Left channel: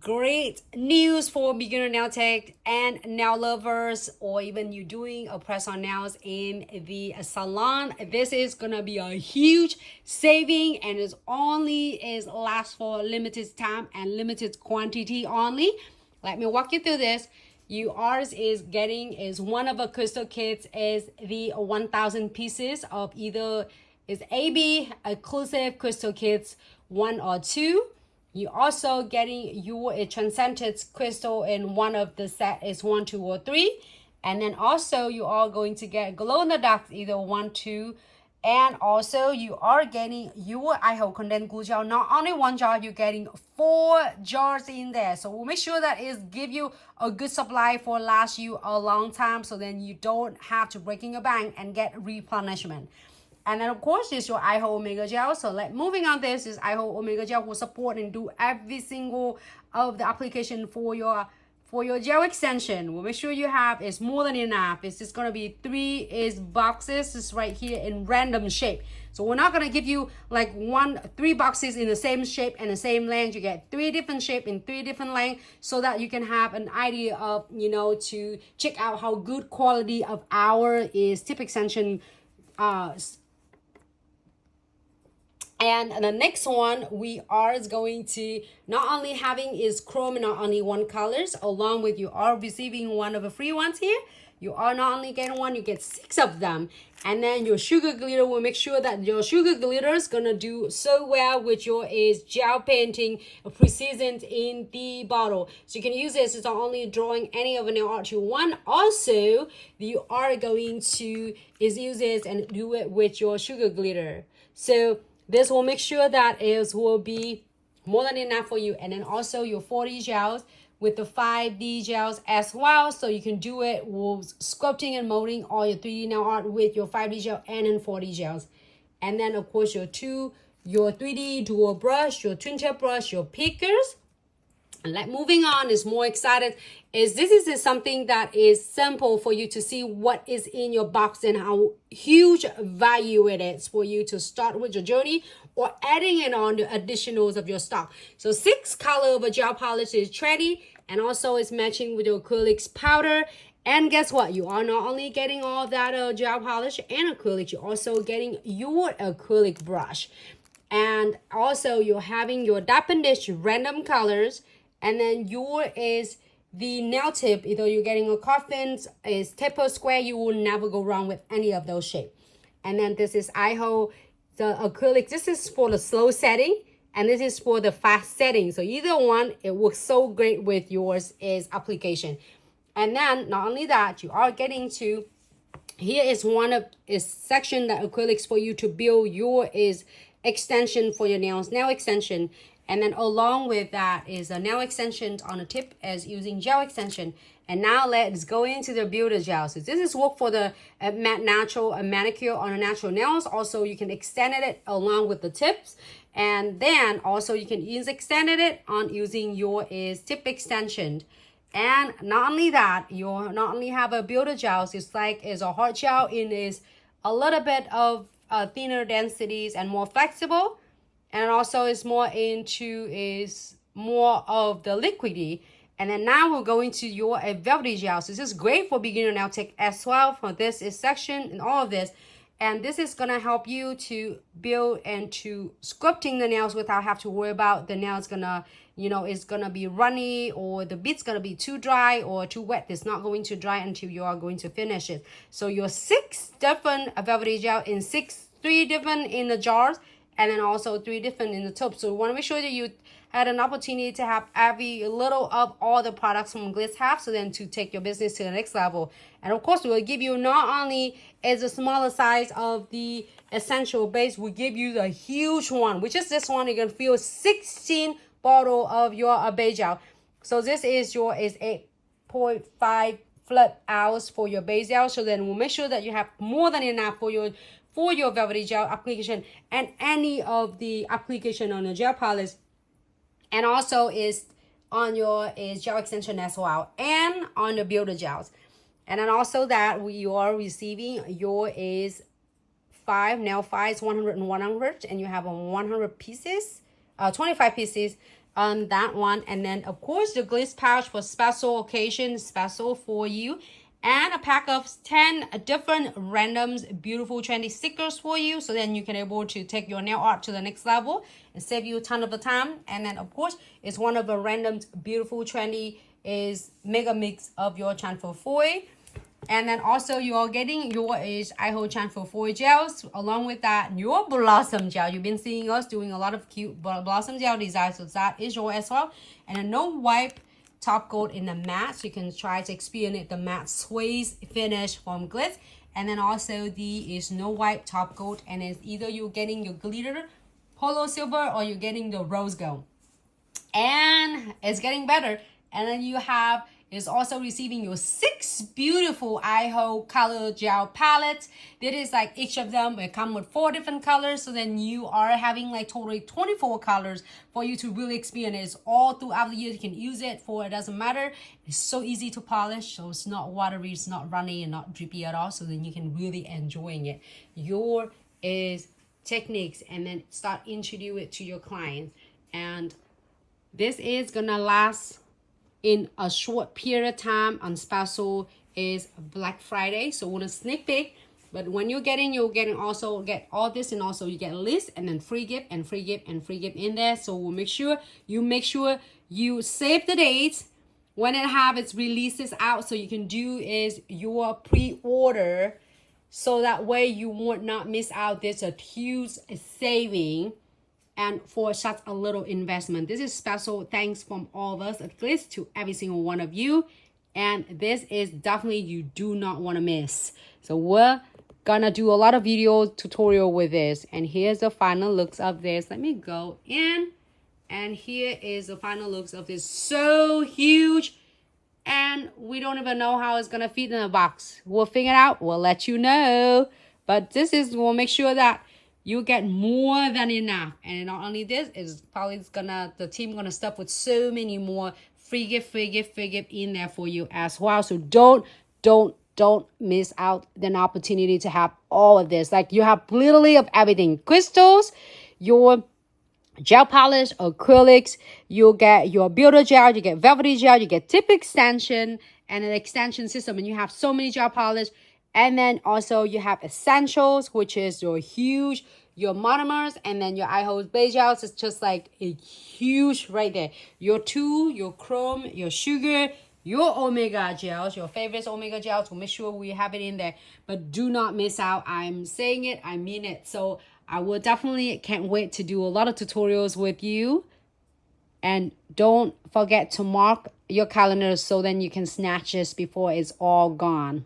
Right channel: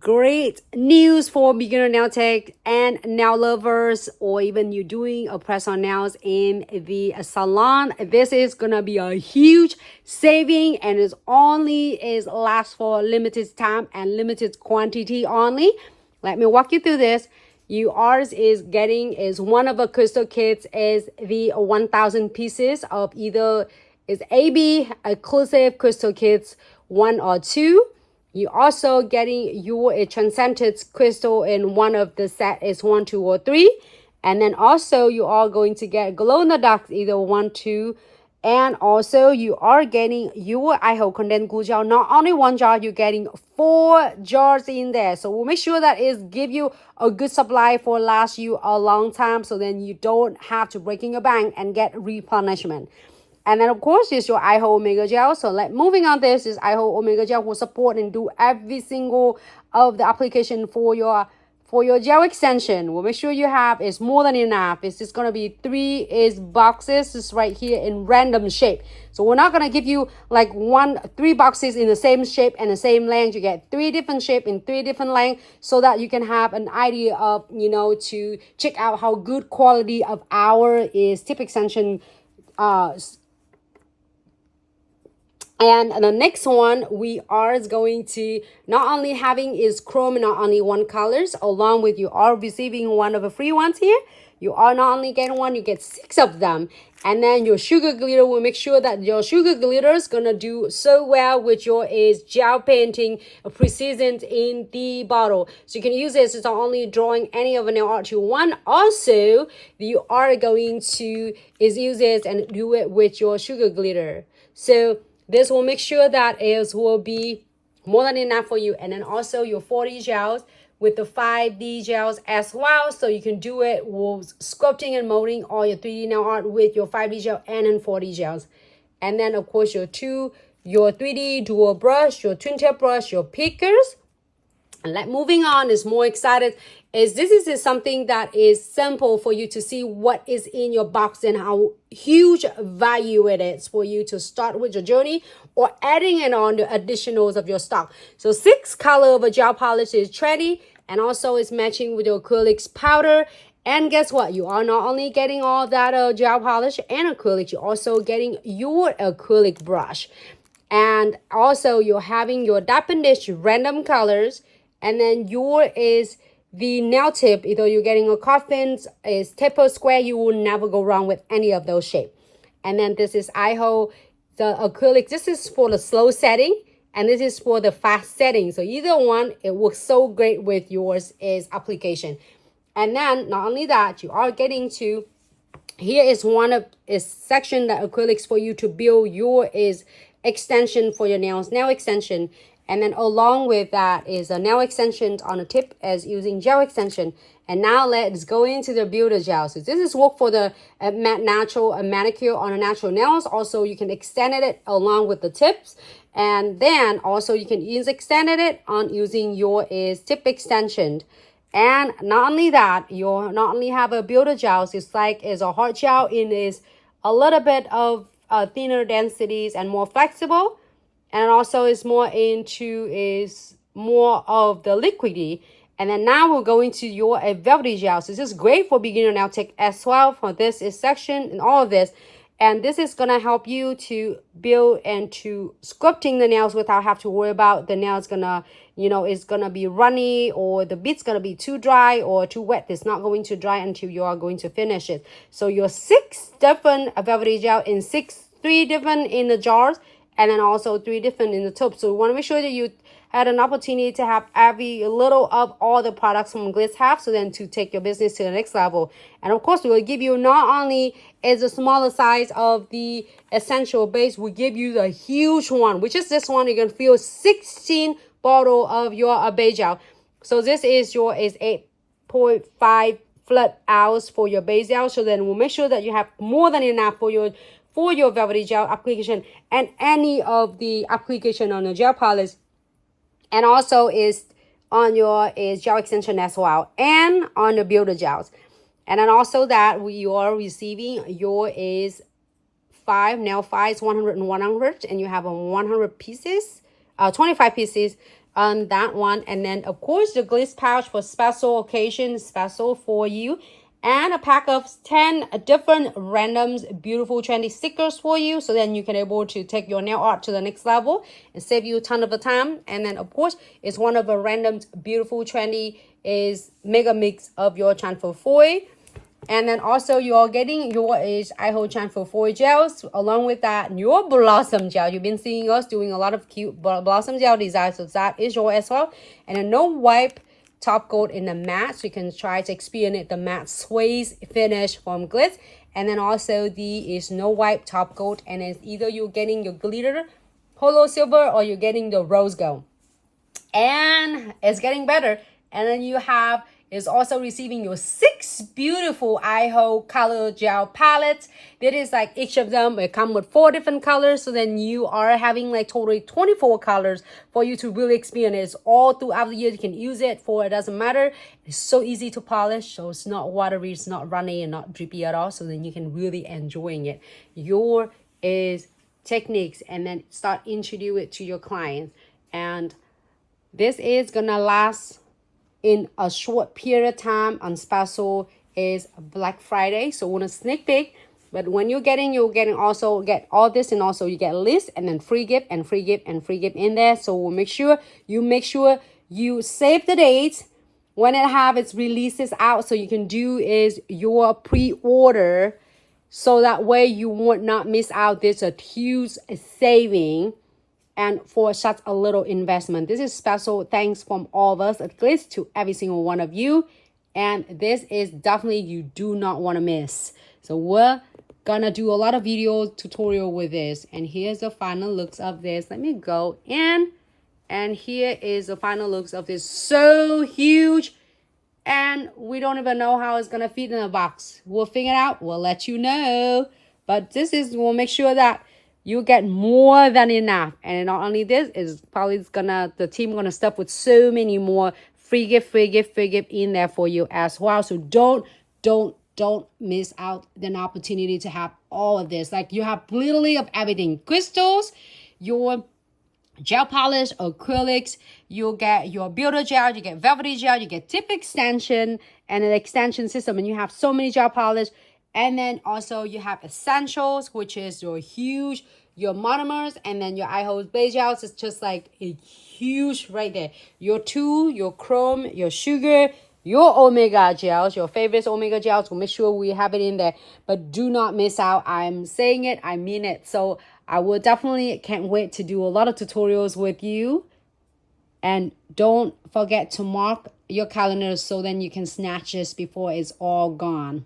Great news for beginner nail tech and nail lovers, or even you doing a press on nails in the salon. This is gonna be a huge saving, and it only is last for limited time and limited quantity only. Let me walk you through this. Yours is getting is one of the crystal kits is the 1,000 pieces of either is AB exclusive crystal kits 1 or 2. You also getting your transcendent crystal in one of the set is 1, 2, or 3. And then also you are going to get glow in the dark either 1, 2. And also you are getting your iHold condensed glue gel. Not only one jar, you're getting 4 jars in there. So we'll make sure that it give you a good supply for last you a long time. So then you don't have to break in your bank and get replenishment. And then, of course, is your iHold Omega Gel. So, moving on, this is iHold Omega Gel will support and do every single of the application for your gel extension. We'll make sure you have is more than enough. It's just going to be 3 boxes. It's right here in random shape. So, we're not going to give you like 3 boxes in the same shape and the same length. You get 3 different shape in 3 different lengths so that you can have an idea of, to check out how good quality of our is tip extension and the next one we are going to not only having is chrome, not only one colors, along with you are receiving one of the free ones here. You are not only getting one, you get 6 of them. And then your sugar glitter will make sure that your sugar glitter is gonna do so well with your is gel painting precision in the bottle. So you can use this as not only drawing any of a nail art you want, also you are going to use this and do it with your sugar glitter. So this will make sure that it will be more than enough for you. And then also your 4D gels with the 5D gels as well. So you can do it with sculpting and molding all your 3D nail art with your 5D gel and then 4D gels. And then of course your 3D dual brush, your twin tip brush, your pickers. And moving on is more excited is this is something that is simple for you to see what is in your box and how huge value it is for you to start with your journey or adding it on the additionals of your stock. So 6 color of a gel polish is trendy and also is matching with your acrylics powder. And guess what? You are not only getting all that gel polish and acrylic, you're also getting your acrylic brush. And also you're having your dap and dish random colors. And then your is the nail tip. Either you're getting a coffin, is taper square. You will never go wrong with any of those shapes. And then this is iHold, the acrylic. This is for the slow setting. And this is for the fast setting. So either one, it works so great with yours is application. And then not only that, you are getting to, here is one of is section that acrylics for you to build your is extension for your nails, nail extension. And then along with that is a nail extension on the tip as using gel extension. And now let's go into the builder gel. So this is work for the natural manicure on the natural nails. Also, you can extend it along with the tips. And then also you can use extended it on using your is tip extension. And not only that, you not only have a builder gel, it's like is a hard gel in is a little bit of thinner densities and more flexible. And also is more into is more of the liquidy. And then now we're going to your Velvetty Gel. So this is great for beginner nail tech as well. For this is section and all of this. And this is going to help you to build and to sculpting the nails without have to worry about the nails gonna, it's gonna be runny or the bit's gonna be too dry or too wet. It's not going to dry until you are going to finish it. So your 6 different Velvetty Gel in 3 different in the jars. And then also 3 different in the tube. So we want to make sure that you had an opportunity to have every little of all the products from Glitz have. So then to take your business to the next level. And of course, we will give you not only is a smaller size of the essential base, we give you the huge one, which is this one. You can feel 16 bottle of your base gel. So this is your is 8.5 flat ounce for your base gel. So then we'll make sure that you have more than enough for your Velvetty Gel application and any of the application on the gel polish, and also is on your is gel extension as well, and on the builder gels. And then also that you are receiving your is 5 nail files 100 and 100, and you have a 100 pieces 25 pieces on that one. And then of course the glitz pouch for special occasions, special for you, and a pack of 10 different randoms, beautiful trendy stickers for you, so then you can able to take your nail art to the next level and save you a ton of time. And then of course it's one of the random beautiful trendy is mega mix of your transfer foil. And then also you are getting your is iHold transfer foil gels, along with that your blossom gel. You've been seeing us doing a lot of cute blossom gel designs, so that is your as well. And a no wipe top coat in the matte, so you can try to experience the matte sways finish from glitz. And then also the is no wipe top coat, and it's either you're getting your glitter polo silver or you're getting the rose gold, and it's getting better. And then you have is also receiving your 6 beautiful iHold color gel palettes. That is like each of them will come with 4 different colors, so then you are having like totally 24 colors for you to really experience it all throughout the year. You can use it for, it doesn't matter, it's so easy to polish, so it's not watery, it's not runny and not drippy at all, so then you can really enjoying it. Your is techniques, and then start introduce it to your clients. And this is gonna last in a short period of time on special is Black Friday, so want a sneak peek. But when you're getting also get all this, and also you get a list and then free gift and free gift and free gift in there. So we'll make sure you save the dates when it have its releases out, so you can do is your pre-order, so that way you would not miss out. There's a huge saving and for such a little investment. This is special thanks from all of us, at least to every single one of you. And this is definitely you do not want to miss. So we're gonna do a lot of video tutorial with this. And here's the final looks of this. Let me go in. And here is the final looks of this. So huge. And we don't even know how it's gonna fit in a box. We'll figure it out. We'll let you know. But this is, we'll make sure that you get more than enough. And not only this, is probably the team gonna stuff with so many more free gift in there for you as well. So don't miss out an opportunity to have all of this. Like you have literally of everything. Crystals, your gel polish, acrylics, you'll get your builder gel, you get velvety gel, you get tip extension and an extension system, and you have so many gel polish. And then also you have essentials, which is your monomers, and then your iHold base gels. It's just like a huge right there. Your your chrome, your sugar, your omega gels, your favorite omega gels. We'll make sure we have it in there. But do not miss out. I'm saying it, I mean it. So I will definitely can't wait to do a lot of tutorials with you. And don't forget to mark your calendars, so then you can snatch this before it's all gone.